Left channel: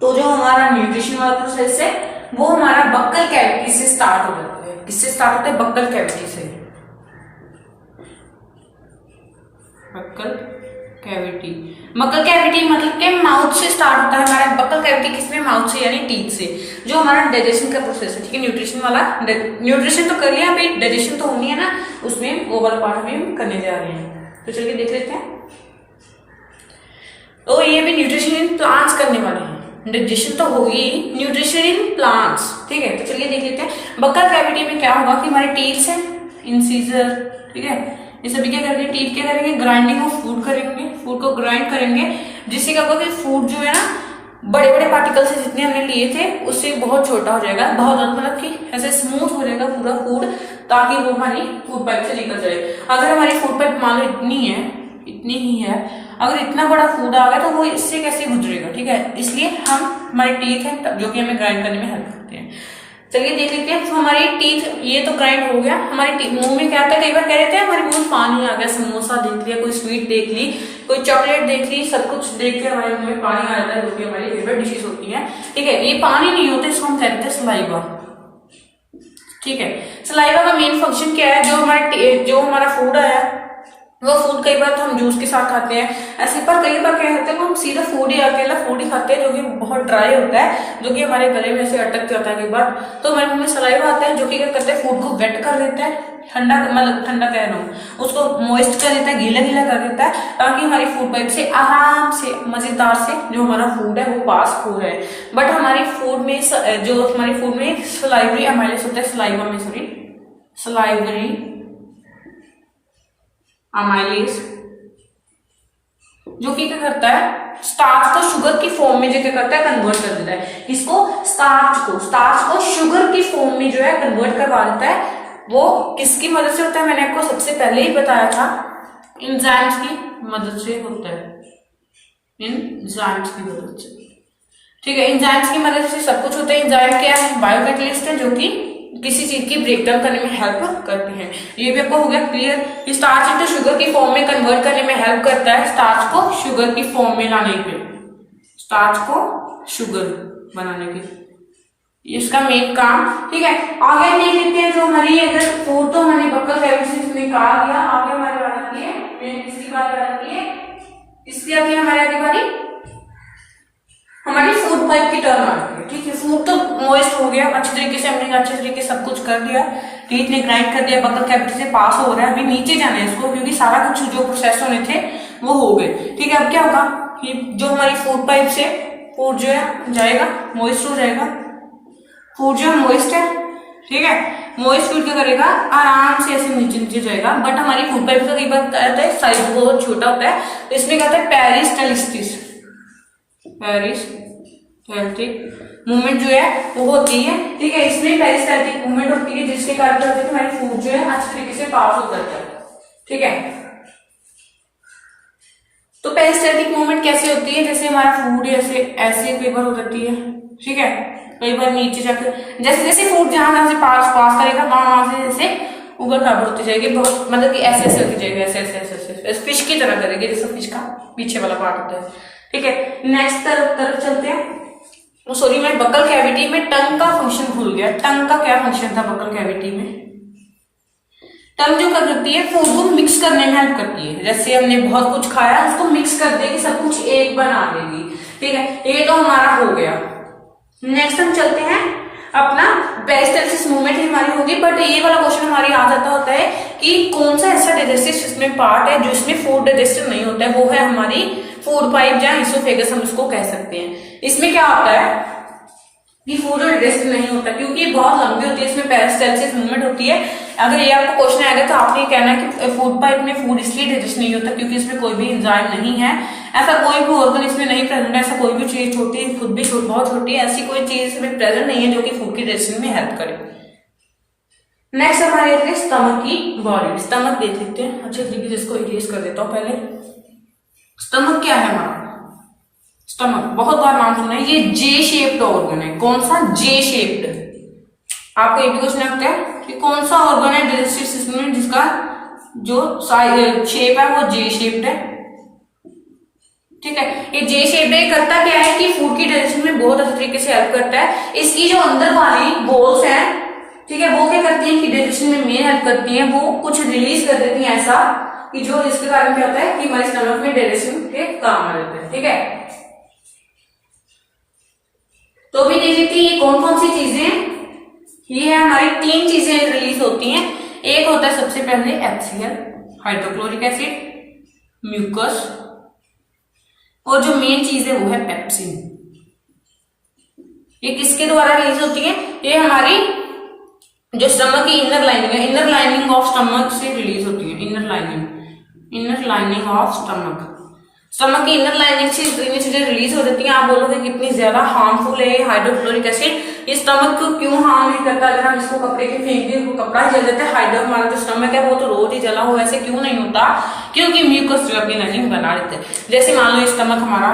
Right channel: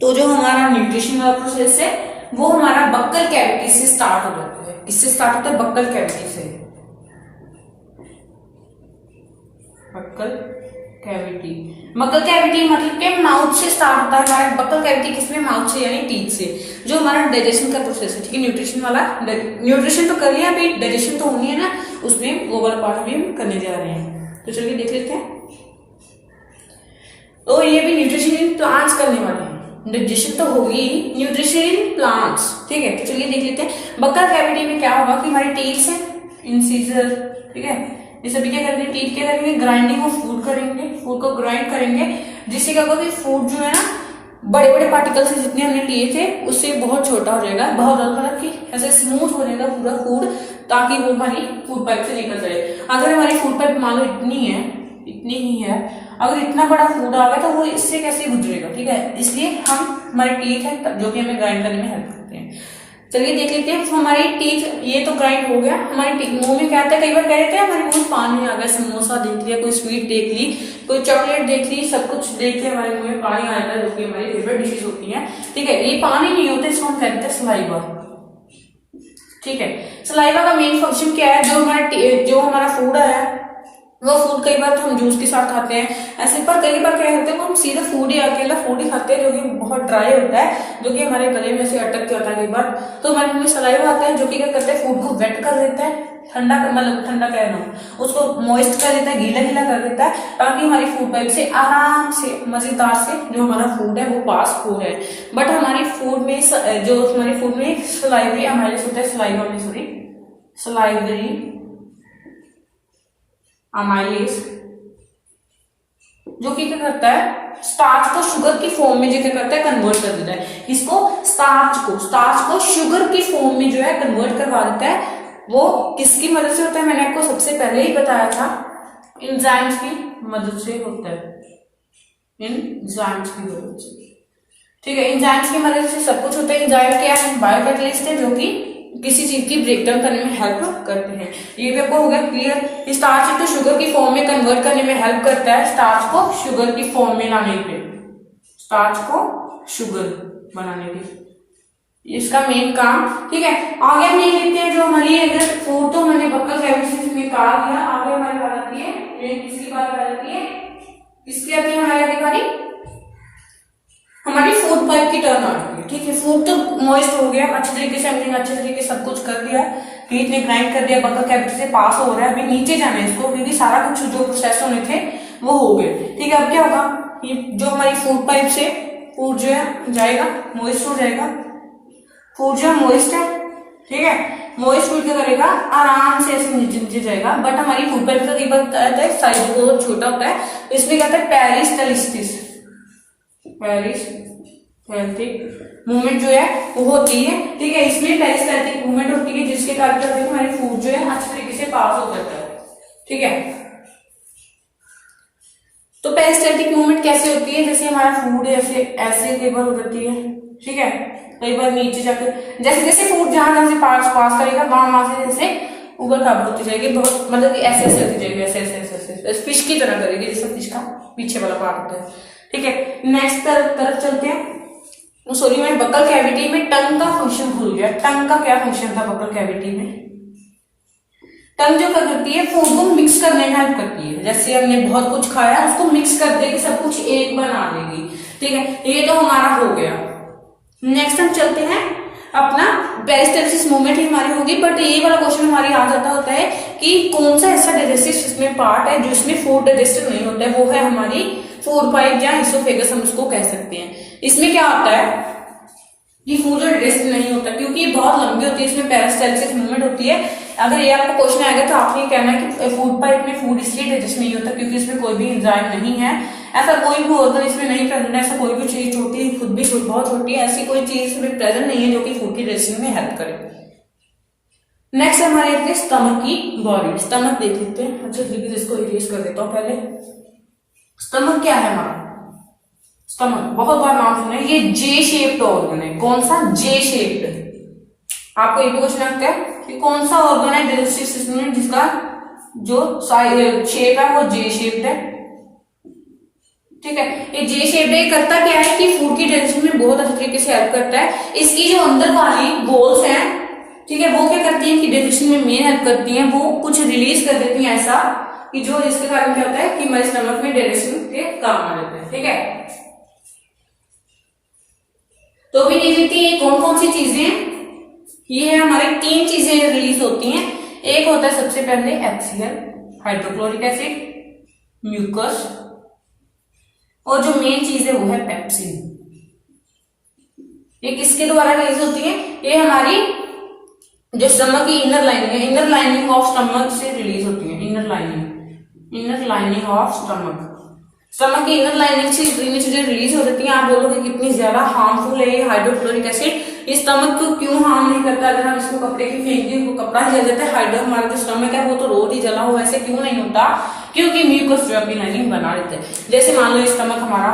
तो जो हमारा न्यूट्रिशन वाला प्रोसेस है वो हमारा बक्कल कैविटी से स्टार्ट हो जाता है। किससे स्टार्ट होता है? बक्कल कैविटी से। बक्कल कैविटी, बक्कल कैविटी मतलब के माउथ से स्टार्ट होता है हमारा। बक्कल कैविटी किसमें? माउथ से, यानी टीथ से। जो हमारा डाइजेशन का प्रोसेस है, ठीक है, न्यूट्रिशन वाला, न्यूट्रिशन तो कर लिया, अभी डाइजेशन तो होनी है ना, उसमें वो वाला पार्ट भी हम करने जा रहे हैं। तो चलिए देख लेते हैं। तो ये भी न्यूट्रिशन इन प्लांट्स करने वाले हैं। डाइजेशन तो होगी, न्यूट्रिशन इन प्लांट्स, ठीक है। तो चलिए देख लेते हैं बक्कल कैविटी में क्या होगा कि हमारे टीथ है, इंसीजर, ठीक है, ये सभी क्या करेंगे? टीथ क्या करेंगे? ग्राइंडिंग ऑफ फूड करेंगे, फूड को ग्राइंड करेंगे, जिससे क्या होगा कि फूड जो है ना बड़े बड़े पार्टिकल से जितने हमने लिए थे उससे बहुत छोटा हो जाएगा, बहुत मतलब कि ऐसे स्मूथ हो जाएगा पूरा फूड, ताकि वो हमारी फूड पाइप से निकल जाए। अगर हमारी फूड पाइप मान लो इतनी ही है, अगर इतना बड़ा फूड आ गया तो वो इससे कैसे गुजरेगा, ठीक है। इसलिए हम हमारे टीथ है जो कि हमें ग्राइंड करने में हेल्प करते हैं। चलिए देख लेते हैं। तो हमारी टीथ ये तो ग्राइंड हो गया, हमारी मुंह में क्या आता है? कई बार कह रहे थे हमारे मुंह में पानी आ गया, समोसा देख लिया, कोई स्वीट देख ली, कोई चॉकलेट देख ली, सब कुछ देख के हमारे मुंह में पानी आ जाता है, जो कि हमारी फेवरेट डिशेज होती है, ठीक है। ये पानी नहीं होता, इसको हम कहते हैं सलाइवा, ठीक है। सलाइवा का मेन फंक्शन क्या है? जो हमारा फूड आया वो फूड कई बार तो हम जूस के साथ खाते हैं ऐसे, पर कई बार क्या होता है हम सीधा फूड ही अकेला फूड ही खाते हैं, जो कि बहुत ड्राई होता है, जो कि हमारे गले में से अटक जाता है कई बार। तो हमारे मुंह में सलाइवा आता है, जो कि क्या करता है? फूड को वेट कर देता है, ठंडा, मतलब ठंडा कह रहा हूँ, उसको मॉइस्ट कर देता है, गीला गीला कर देता है, ताकि हमारी फूड पाइप से आराम से मजेदार से जो हमारा फूड है वो पास हो जाए। बट हमारी फूड में जो हमारी फूड में सलाइवरी अमाइलेस होता है, सलाइवरी अमाइलेज, जो कि क्या करता है? स्टार्च को शुगर की फॉर्म में जो क्या करता है? कन्वर्ट कर देता है। इसको स्टार्च को शुगर की फॉर्म में जो है कन्वर्ट करवा देता है। वो किसकी मदद से होता है? मैंने आपको सबसे पहले ही बताया था, एंजाइम्स की मदद से होता है, एंजाइम्स की मदद से, ठीक है। एंजाइम्स की मदद से सब कुछ होता है। एंजाइम क्या है? बायोकैटलिस्ट है, जो कि किसी चीज की ब्रेकडाउन करने में हेल्प करते हैं। ये भी आपको हो गया क्लियर। स्टार्च को शुगर की फॉर्म में कन्वर्ट करने में हेल्प करता है, स्टार्च को शुगर की फॉर्म में लाने के, स्टार्च को शुगर बनाने के, इसका मेन काम, ठीक है। आगे हम देख लेते हैं जो हमारी अगर फूड तो मैंने बक्कल कैविटी से निकाल दिया, आगे हमारी बात आती है, किसकी बात आती है? इसकी आती है हमारी फूड पाइप की टर्न आ रही है, ठीक है। फूड तो मॉइस्ट हो गया, अच्छी तरीके से हमने अच्छे तरीके से सब कुछ कर दिया, टीथ ने ग्राइंड कर दिया, बक्कल कैविटी से पास हो रहा है, अभी नीचे जाना है इसको, क्योंकि सारा कुछ जो प्रोसेस होने थे वो हो गए, ठीक है। अब क्या होगा कि जो हमारी फूड पाइप से फूड जो है जाएगा, मॉइस्ट हो जाएगा, फूड जो है मॉइस्ट है, ठीक है। मॉइस्ट फूड क्या करेगा? आराम से ऐसे नीचे नीचे जाएगा। बट हमारी फूड पाइप का कई बार बताया था साइज बहुत छोटा होता है, तो इसमें क्या होता है? पेरिस्टाल्टिक मूवमेंट जो है वो होती है, ठीक है। इसमें पेरिस्टाल्टिक मूवमेंट होती है, जिसके कारण क्या होता है? हमारी फूड जो है अच्छे तरीके से पास हो जाता है, ठीक है। तो पेरिस्टाल्टिक मूवमेंट कैसे होती है? जैसे हमारा फूड ऐसे ऐसे कई बार हो जाती है, ठीक है, कई बार नीचे जाकर जैसे जैसे फूड जहां से पास करेगा वहां से जैसे ऊपर काबू होती जाएगी, बहुत मतलब कि ऐसे ऐसे होती जाएगी, ऐसे ऐसे ऐसे फिश की तरह करेगी, जैसे फिश का पीछे वाला पार्ट होता है, ठीक है। नेक्स्ट तरफ चलते हैं। सॉरी, मैं बक्कल कैविटी में टंग का फंक्शन भूल गया। टंग का क्या फंक्शन था बक्कल कैविटी में? टंग जो करती है फूड को मिक्स करने में हेल्प करती है। जैसे हमने बहुत कुछ खाया, उसको मिक्स कर देगी, सब कुछ एक बना देगी, ठीक है। ये तो हमारा हो गया। नेक्स्ट हम चलते हैं अपना पेरिस्टाल्सिस मूवमेंट ही हमारी होगी, बट ये वाला क्वेश्चन हमारी आ जाता होता है कि कौन सा ऐसा डाइजेस्टिव सिस्टम पार्ट है जिसमें फूड डाइजेस्टिव नहीं होता है? वो है हमारी फूड पाइप या इसोफेगस, हम इसको कह सकते हैं। इसमें क्या होता है कि फूड डाइजेस्ट नहीं होता, क्योंकि बहुत लंबी होती है, इसमें पेरिस्टाल्सिस मूवमेंट होती है। अगर ये आपको क्वेश्चन आएगा तो आपने कहना है कि फूड पाइप में फूड इसलिए डाइजेस्ट नहीं होता क्योंकि इसमें कोई भी एंजाइम नहीं है, ऐसा कोई भी ऑर्गन इसमें नहीं प्रेजेंट है, ऐसा कोई भी चीज छोटी, खुद भी बहुत छोटी है, ऐसी कोई चीज इसमें प्रेजेंट नहीं है जो कि फूड की डाइजेशन में हेल्प करे। नेक्स्ट हमारे आते हैं स्टमक की बॉडी। स्टमक देख लेते हैं अच्छे तरीके से, इसको इरेज कर देता हूँ पहले। स्टमक क्या है हमारा? स्टमक बहुत बार नाम सुना है, ये जे शेप्ड ऑर्गन है। कौन सा? जे शेप्ड। आपको ये भी क्वेश्चन आता है कि कौन सा ऑर्गन है डाइजेस्टिव सिस्टम में जिसका जो शेप है वो जे शेप्ड है, ठीक है। ये जे शेप्ड है, करता क्या है कि फूड की डाइजेशन में बहुत तरीके से हेल्प करता है। इसकी जो अंदर वाली बोल्स हैं, ठीक है, वो क्या करती है कि डाइजेशन में मेन हेल्प करती हैं, वो कुछ रिलीज कर देती हैं ऐसा कि जो जिसके कारण क्या होता है कि हमारे स्टमक में डाइजेशन के काम आ जाते हैं। ठीक है, तो भी देख लेते हैं कौन कौन सी चीजें, ये है हमारी 3 चीजें रिलीज होती हैं। एक होता है सबसे पहले HCl, हाइड्रोक्लोरिक एसिड, म्यूकस, और जो मेन चीज है वो है पेप्सिन। ये किसके द्वारा रिलीज होती है? ये हमारी जो स्टमक की इनर लाइनिंग है, इनर लाइनिंग ऑफ स्टमक से रिलीज होती है। Inner lining of stomach, stomach की इनर लाइनिंग से इतनी चीजें रिलीज हो जाती हैं। आप बोलोगे कितनी ज्यादा हार्मफुल है हाइड्रोक्लोरिक एसिड, इस स्टमक को क्यों हार्म नहीं करता? अगर हम इसको कपड़े की फेंक दें, कपड़ा जल जाता है, हाइड्रो हमारा जो स्टमक है वो तो रोज ही जला हुआ, ऐसे क्यों नहीं होता? क्योंकि म्यूकस जो अपनी लाइनिंग बना देते हैं। जैसे मान लो स्टमक हमारा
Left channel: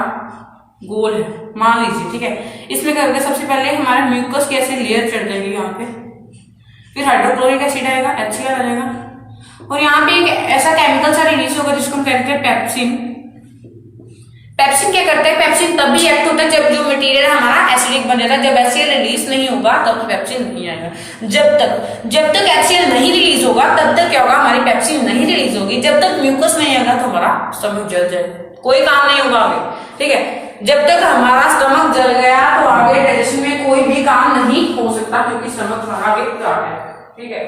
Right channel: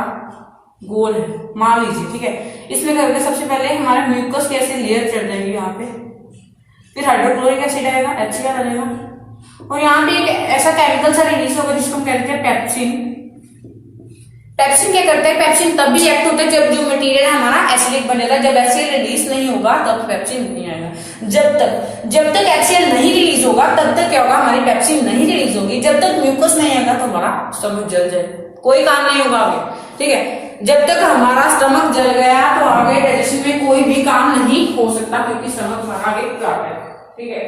गोल है, मान लीजिए, ठीक है, इसमें करके सबसे पहले हमारे म्यूकस के ऐसे लेयर चढ़ जाएंगे यहाँ पे, फिर हाइड्रोक्लोरिक एसिड आएगा, HCl आ जाएगा, और यहाँ पे एक ऐसा केमिकल सा रिलीज होगा जिसको हम कहते हैं पेप्सिन। पेप्सिन क्या करता है? पेप्सिन तब भी एक्ट होता है जब जो मटेरियल हमारा एसिडिक बनेगा। जब HCl रिलीज नहीं होगा तब पेप्सिन नहीं आएगा। जब तक HCl नहीं रिलीज होगा तब तक क्या होगा? हमारी पेप्सिन नहीं रिलीज होगी। जब तक म्यूकस नहीं आएगा तो हमारा स्टमक जल जाएगा, कोई काम नहीं होगा आगे। ठीक है, जब तक हमारा स्टमक जल गया तो आगे डाइजेशन में कोई भी काम नहीं हो सकता, क्योंकि स्टमक आगे काट है। ठीक है,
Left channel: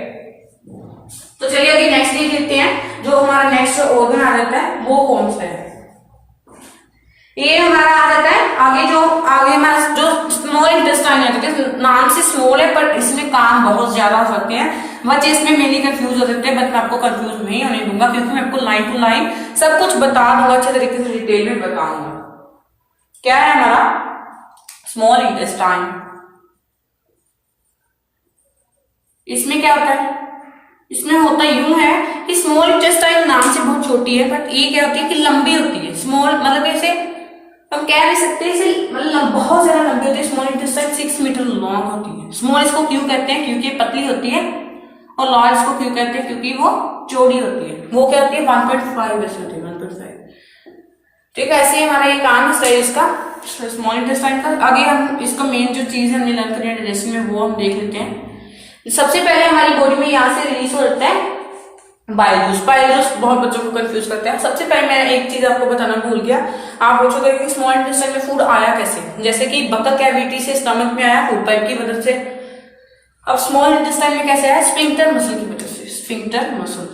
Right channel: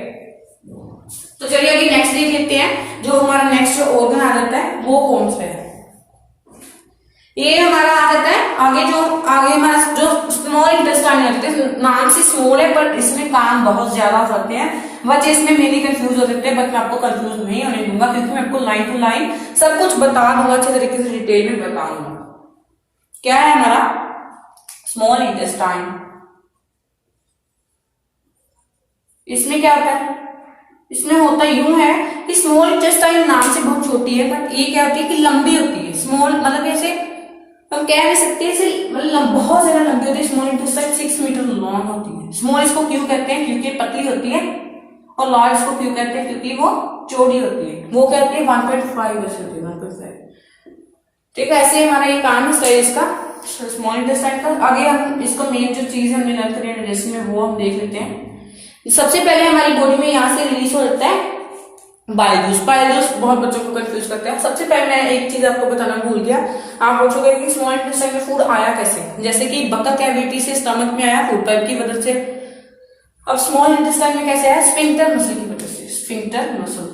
तो चलिए अभी नेक्स्ट देख लेते हैं। जो हमारा नेक्स्ट ऑर्गन आ जाता है वो कौन सा है? ये हमारा आ जाता है आगे हमारा जो स्मॉल इंटेस्टाइन आ जाता है। नाम से स्मॉल है पर इसमें काम बहुत ज्यादा हो सकते हैं। बच्चे इसमें मेरी कंफ्यूज हो सकते हैं, बट मैं आपको कंफ्यूज नहीं होने दूंगा, क्योंकि मैं आपको लाइन टू लाइन सब कुछ बता दूंगा, अच्छे तरीके से डिटेल में बताऊंगा। क्या है हमारा स्मॉल इंटेस्टाइन? इसमें क्या होता है? इसमें होता यूं है कि स्मॉल इंटेस्टाइन नाम से बहुत छोटी है, बट ये क्या होती है कि लंबी होती है। स्मॉल मतलब ऐसे हम कह नहीं सकते, इसे मतलब बहुत ज्यादा लंबी होती है। स्मॉल इंटेस्टाइन 6 मीटर लॉन्ग होती है। स्मॉल इसको क्यों कहते हैं? क्योंकि पतली होती है, और लार्ज इसको क्यों कहते हैं? क्योंकि वो चौड़ी होती है। वो क्या होती है? 1.5 ऐसे होती है, 1.5। ठीक है, ऐसे हमारा ये काम है इसका स्मॉल इंटेस्टाइन का। आगे हम इसका मेन जो चीज हमने लर्न करी है डाइजेशन में, वो हम देख लेते हैं। सबसे पहले हमारी बॉडी में यहाँ से रिलीज हो जाता है बाइल जूस। बाइल जूस बहुत बच्चों को कंफ्यूज करता है। सबसे पहले मैं एक चीज आपको बताना भूल गया। आप पूछोगे कि स्मॉल इंटेस्टाइन में फूड आया कैसे? जैसे कि बक्का कैविटी से स्टमक में आया फूड पाइप की मदद से। अब स्मॉल इंटेस्टाइन में कैसे आया? स्फिंक्टर मसल की वजह से। स्फिंक्टर मसल,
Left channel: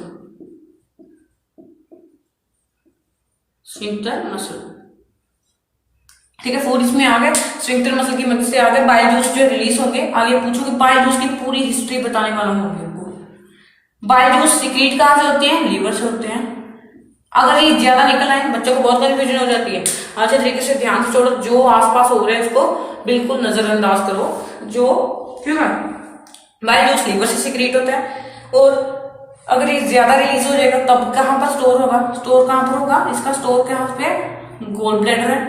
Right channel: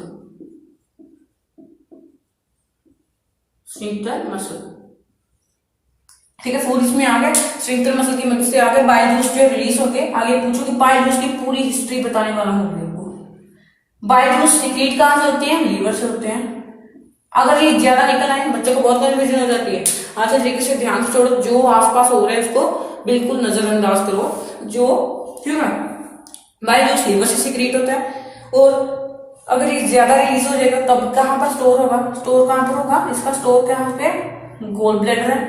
ठीक है, फूड इसमें आ गया, स्फिंक्टर मसल की मदद से आ गए। बाइल जूस जो रिलीज होंगे, आगे पूछोगे बाइल जूस की पूरी हिस्ट्री बताने वाला हूँ। बाइल जूस सीक्रेट कहां से होते हैं? लीवर से होते हैं। अगर ये ज्यादा निकल आए, बच्चों को बहुत कंफ्यूजन हो जाती है। अच्छे तरीके से ध्यान से छोड़ो, जो आसपास हो रहा है उसको बिल्कुल नजरअंदाज करो। जो क्यों है बाइल जूस लीवर से सीक्रेट होता है, और अगर ये ज्यादा रिलीज हो जाएगा तब कहां पर स्टोर होगा? स्टोर कहां पर होगा? इसका स्टोर कहां पे? गोल ब्लैडर है।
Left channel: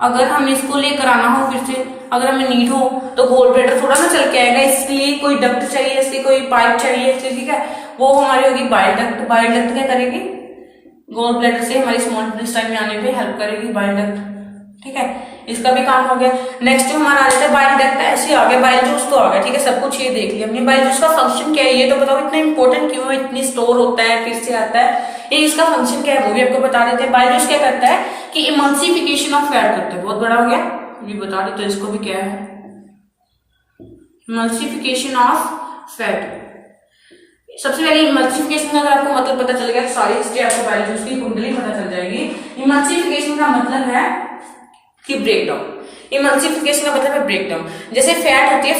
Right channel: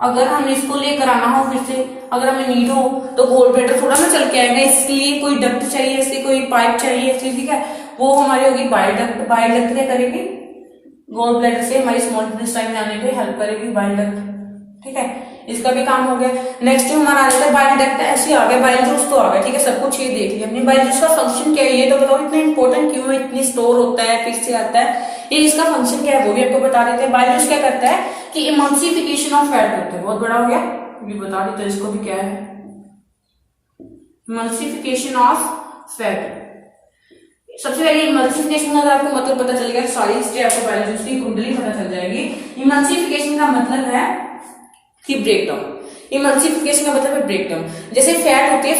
अगर हम इसको लेकर आना हो फिर से, अगर हमें नीड हो, तो गोल ब्लैडर थोड़ा ना चल के आएगा, इसके लिए कोई डक्ट चाहिए, इसलिए कोई पाइप चाहिए, इसलिए ठीक है, वो हमारी होगी बाइल डक्ट। बाइल डक्ट क्या करेगी? गोल ब्लैडर से हमारी स्मॉल इंटेस्टाइन में आने पे हेल्प करेगी बाइल डक्ट। ठीक है, इसका भी काम हो गया। नेक्स्ट हमारा आ जाता है बाइल डक्ट। ऐसे आ गया, बाइल जूस तो आ गया। ठीक है, सब कुछ ये देख लिया हमने। बाइल जूस का फंक्शन क्या है ये तो बताओ, इतना इंपॉर्टेंट क्यों है? इतनी स्टोर होता है, फिर से आता है, ये इसका फंक्शन क्या है वो भी आपको बता देते हैं। बाइल जूस क्या करता है कि इमल्सिफिकेशन ऑफ फैट करता है। बहुत बड़ा हो गया, ये बता देते हैं इसको भी क्या है। Emulsification of fat. सबसे पहले इमल्सिफिकेशन का अगर आपको मतलब पता चल गया, सारी हिस्ट्री आपको बाइल जूस की कुंडली पता चल जाएगी। इमल्सिफिकेशन का मतलब है कि ब्रेकडाउन। इमल्सिफिकेशन का मतलब है ब्रेकडाउन। जैसे फैट होती है,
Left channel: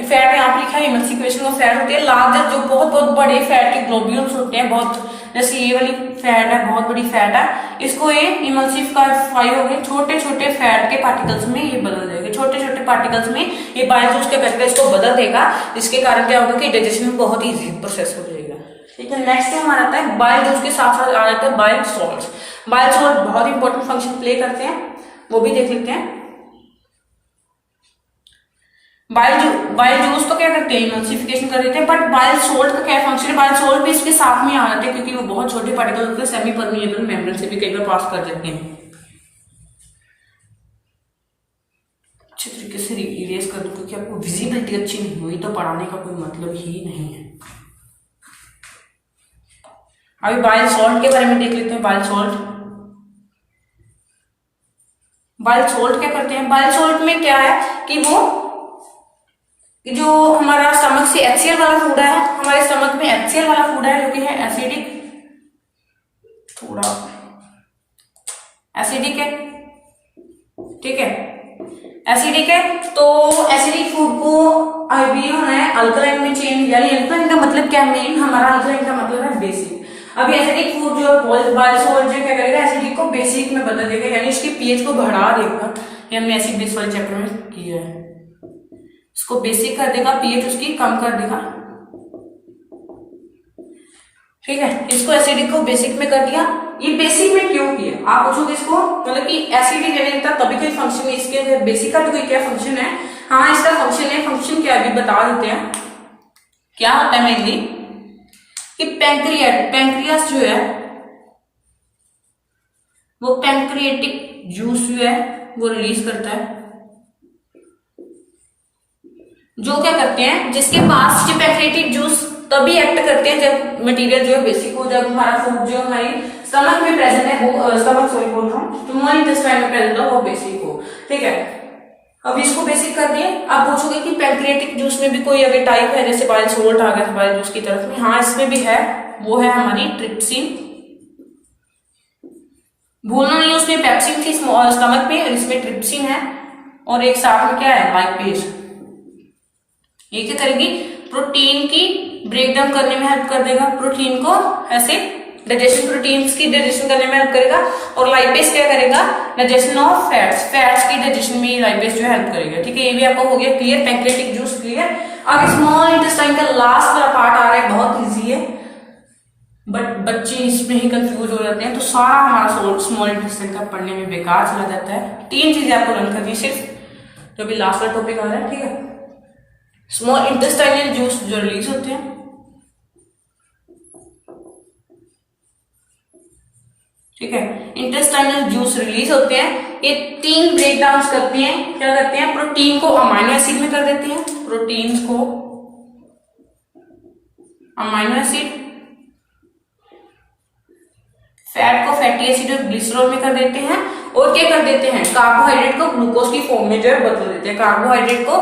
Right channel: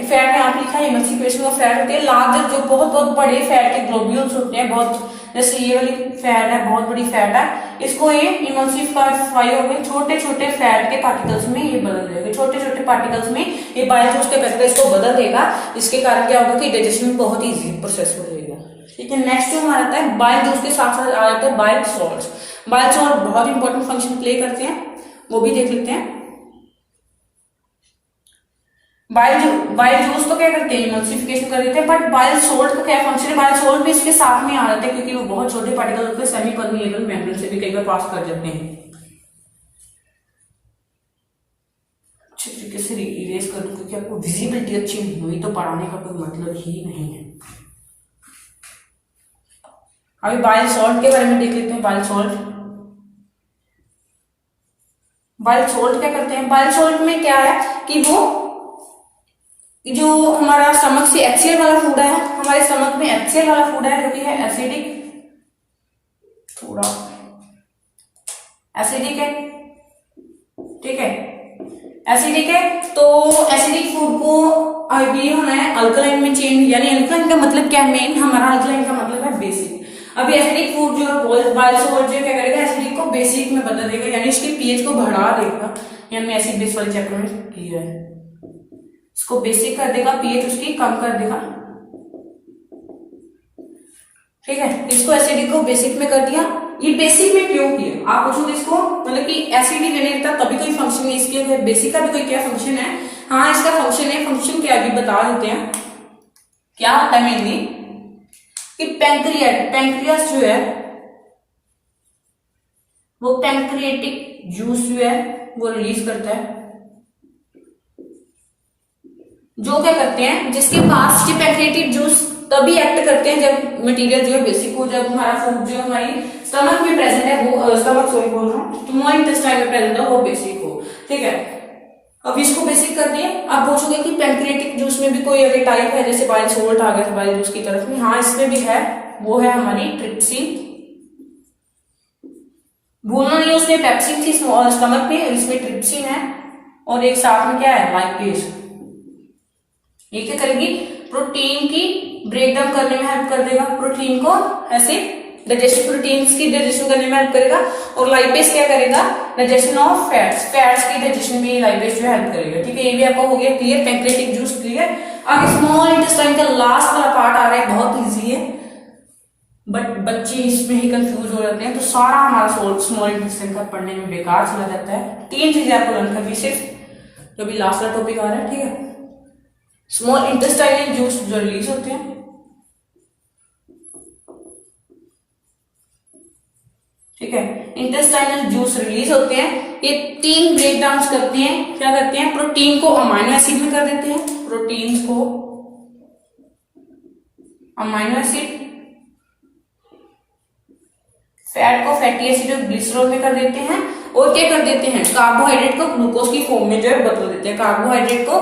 फैट में आप लिखा है इमल्सिफिकेशन ऑफ फैट होती है लार्जर, जो बहुत बहुत बड़े फैट के ग्लोब्यूल्स होते हैं, बहुत जैसे ये वाली फैट है, बहुत बड़ी फैट है, इसको ये इमल्सिफाई हो गए छोटे छोटे फैट के पार्टिकल्स में ये बदल देगा। छोटे छोटे पार्टिकल्स में ये बाइल जूस क्या करता है, इसको बदल देगा, जिसके कारण क्या होगा कि डाइजेशन बहुत इजी प्रोसेस हो जाएगा। ठीक है, नेक्स्ट जो हमारा आता है बाइल जूस के साथ साथ आ जाता है बाइल सॉल्ट। बाइल सॉल्ट बहुत इंपॉर्टेंट फंक्शन प्ले करते हैं, वो भी देख लेते हैं। बाइल जूस तो क्या करते हैं? इमल्सिफिकेशन कर देते हैं, बट बाइल सोल्ट का क्या फंक्शन है? बाइल सोल्ट भी इसके साथ में आ जाते हैं, क्योंकि वो बहुत छोटे पार्टिकल होते हैं, सेमी परमिएबल मेम्ब्रेन से भी कई बार पास कर जाते हैं। अच्छे तरीके से इरेज कर दूं, क्योंकि आपको विजिबिलिटी अच्छी नहीं हुई तो पढ़ाने का कोई मतलब ही नहीं है। अभी बाइल सॉल्ट के बारे में देख लेते हैं। बाइल सॉल्ट, बाइल सॉल्ट क्या करते हैं? बाइल सॉल्ट में क्या है कि वो जो हमारा स्टमक से HCl वाला फूड है, हमारे स्टमक में HCl वाला फूड है जो कि है एसिडिक, थोड़ा एसिडिक है, ठीक है, एसिडिक है। तो एसिडिक फूड को आइडिया है अल्कलाइन में चेंज, यानी अल्कलाइन का मतलब क्या है? मेन हमारा अल्कलाइन का मतलब है बेसिक। अभी एसिडिक फूड जो बाइल सॉल्ट जो क्या करेगा, एसिडिक को बेसिक में बदल देगा, यानी इसके पीएच को बढ़ा देगा। ये हमने एसिड बेस वाले चैप्टर में किया है। इसको बेसिक कर देगा, पीएच उसकी कम कर देगा, ठीक है। इसको एसिडिक को बेसिक में कर दिया। ये बेसिक में क्यों किया आप पूछोगे इसको, मतलब कि एसिडिक रहता तभी कोई फंक्शन नहीं, इसके बेसिक का भी कोई क्या फंक्शन है? हाँ, इसका फंक्शन है। फंक्शन क्या अभी बता देते हैं। क्या होता है मेनली कि पैंक्रियास जो है वो पैंक्रिएटिक जूस जो है वो रिलीज करता है, जो क्या करते हैं, जिसके पास ये पैंक्रिएटिक जूस तभी एक्ट करते हैं जब मटेरियल जो है बेसिक हो, जब हमारा फूड जो हमारी स्टमक में प्रेजेंट है वो स्टमक सॉरी बोल रहा हूँ, स्मॉल इंटेस्टाइन में प्रेजेंट हो वो बेसिक हो, ठीक है। अब इसको बेसिक कर दिए। आप पूछोगे कि पैंक्रिएटिक जूस में भी कोई अगर टाइप है, जैसे बाइल सॉल्ट आ गया बाइल जूस की तरफ में, हाँ इसमें भी है, वो है हमारी ट्रिप्सिन। भूलना नहीं, उसमें पेप्सिन थी स्टमक में, इसमें ट्रिप्सिन है, और एक साथ में क्या है, लाइपेज। ये क्या करेगी, प्रोटीन की ब्रेकडाउन करने में हेल्प कर देगा, प्रोटीन को ऐसे डाइजेशन, प्रोटीन्स की डाइजेशन करने में हेल्प करेगा, और लाइपेज क्या करेगा, डाइजेशन ऑफ फैट्स, फैट्स की डाइजेशन में लाइपेज जो हेल्प करेगा, ठीक है। ये भी आपको हो गया क्लियर, पैंक्रिएटिक जूस क्लियर। अब स्मॉल इंटेस्टाइन का लास्ट वाला पार्ट आ रहा है, बहुत इजी है बट बच्चे इसमें ही कंफ्यूज हो जाते हैं, तो सारा हमारा स्मॉल इंटेस्टाइन का पढ़ने में बेकार चला जाता है। 3 चीजें आपको लर्न करनी सिर्फ, जो भी लास्ट वाला टॉपिक आ रहा है, ठीक है। स्मॉल इंटेस्टाइनल जूस जो रिलीज होते हैं, ठीक है, इंटेस्टाइनल जूस रिलीज होते हैं, ये 3 ब्रेकडाउन करते हैं। क्या करते हैं, प्रोटीन को अमाइनो एसिड में कर देते हैं, प्रोटीन्स को अमाइनो एसिड, फैट को फैटी एसिड और ग्लिसरॉल में कर देते हैं, और क्या कर देते हैं, कार्बोहाइड्रेट को ग्लूकोज की फॉर्म में जो है बदल देते हैं, कार्बोहाइड्रेट को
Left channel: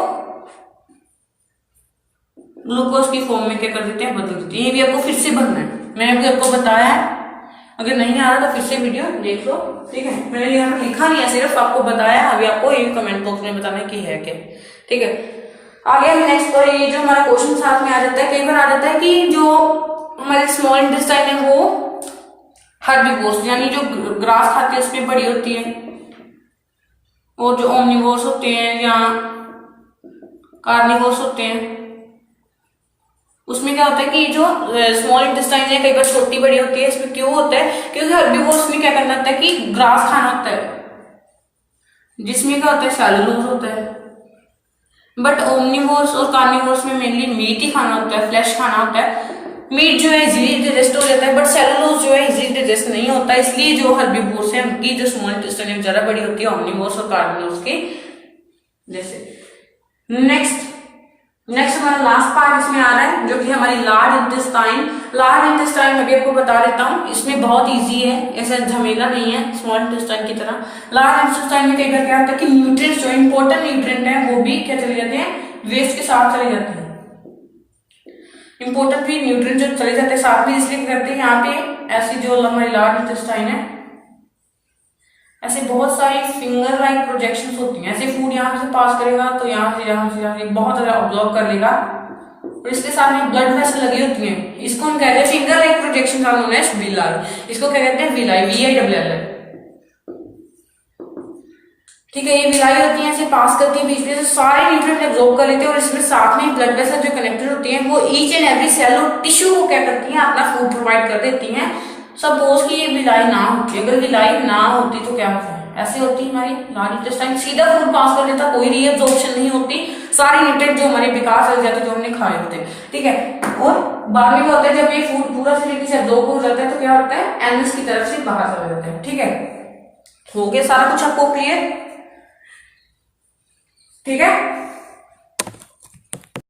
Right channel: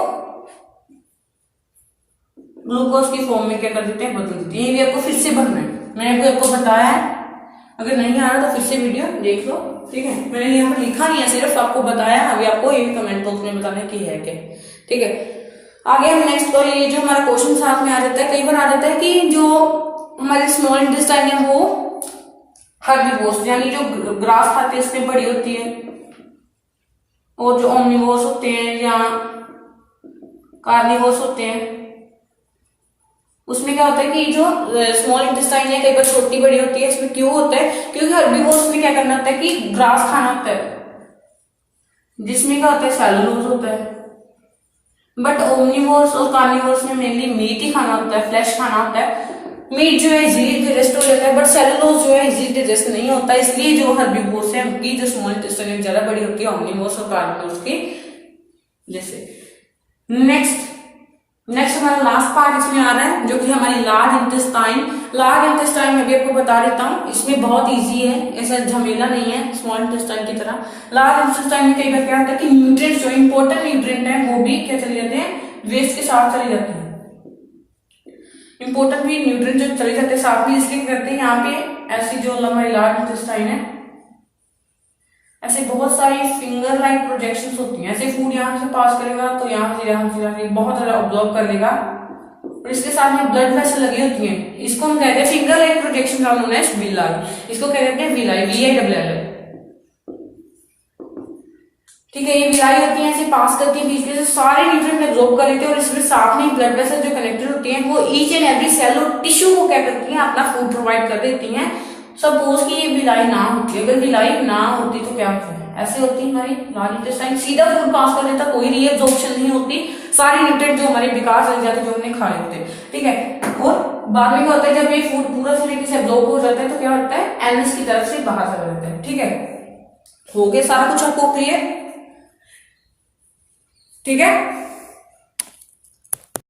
ग्लूकोज की फॉर्म में क्या कर देते हैं, बदल देते हैं। ये भी आपको फिर से बनना है, मैंने अभी आपको बताया है, अगर नहीं आ रहा तो फिर से वीडियो देख लो, ठीक है। मैंने यहाँ पर लिखा नहीं है, सिर्फ आपको बताया, अभी आपको ये कमेंट बॉक्स में बताना की है क्या, ठीक है। आगे हम नेक्स्ट पर, ये जो हमारा क्वेश्चन साथ में आ जाता है, कई बार आ जाता है कि जो हमारे स्मॉल इंटेस्टाइन है वो हर्बीवोर्स, यानी जो ग्रास खाते हैं उसमें बड़ी होती है, और जो ओमनिवोर्स होते हैं या कार्निवोर्स होते हैं उसमें क्या होता है कि जो स्मॉल इंटेस्टाइन है कई बार छोटी बड़ी होती है। इसमें क्यों होता है, क्योंकि हर्बीवोर्स में क्या करना होता है कि ग्रास खाना होता है, जिसमें क्या होता है, सेलुलोज होता है। बट ओमनिवोर्स और कार्निवोर्स में मेनली मीट ही खाना होता है, फ्लैश खाना होता है। मीट जो है इजीली डाइजेस्ट हो जाता है, बट सेलुलोज जो है इजीली डाइजेस्ट नहीं होता, इसलिए जो हर्बीवोर्स है उनकी जो स्मॉल इंटेस्टाइन ज्यादा बड़ी होती है ओमनिवोर्स और कार्निवोर्स की जैसे। नेक्स्ट हमारा लास्ट पार्ट इसमें आ रहा है, जो कि हमारी लार्ज इंटेस्टाइन। लार्ज इंटेस्टाइन में भी आपको बता देता हूँ, इसमें बहुत इजी है, ऐसा झमेला नहीं है स्मॉल इंटेस्टाइन की तरह। लार्ज इंटेस्टाइन में कई बार क्या होता है कि न्यूट्रिएंट्स जो इंपॉर्टेंट न्यूट्रिएंट है वो भी क्या चले जाते हैं, वेस्ट के साथ चले जाते हैं। इंपॉर्टेंट भी न्यूट्रिएंट जो चले जाते हैं साथ में, इसलिए करते हैं यहाँ पे ऐसी जो हमारी लार्ज इंटेस्टाइन है, ऐसे बहुत सारी फिंगर लाइक प्रोजेक्शंस होती हैं। ऐसे फूड यहाँ से पास करेगा तो यहाँ से बहुत ज्यादा ऑब्जॉर्व कर लेगा, और इसके साथ में ब्लड वेसल लगी होती हैं, इसको हम कहते हैं फिंगर लाइक प्रोजेक्शन का नाम है विलाई, इसको क्या कहते हैं, विलाई, VILL, ठीक है। ये विलाई होती है, ऐसे पास करती है, बीच में से सारे न्यूट्रिएंट एब्जॉर्ब कर लेते हैं, और इसमें साथ में ब्लड वेसल जो कनेक्टेड होती हैं वो ईच एंड एवरी सेल और टिश्यू को क्या करती हैं, अपना फूड प्रोवाइड कर देती हैं। सपोज कि ये विलाई ना होती, अगर विलाई ना होती तो क्या होता है, ऐसे होती है हमारी लार्ज इंटेस्टाइन, सीधा फूड पास कर लेता, कोई रीअब्जॉर्प्शन नहीं होती, सारे न्यूट्रिएंट जो हमारे विकास हो जाते जो हमने खाए होते, ठीक है। और बाद में क्या होता है, जब ये फूड पूरा तरीके से एब्जॉर्ब हो जाता है तो क्या होता है, एनस की तरफ से बाहर चला जाता है, ठीक है। हो गया सारा कुछ आपको क्लियर। ठीक है।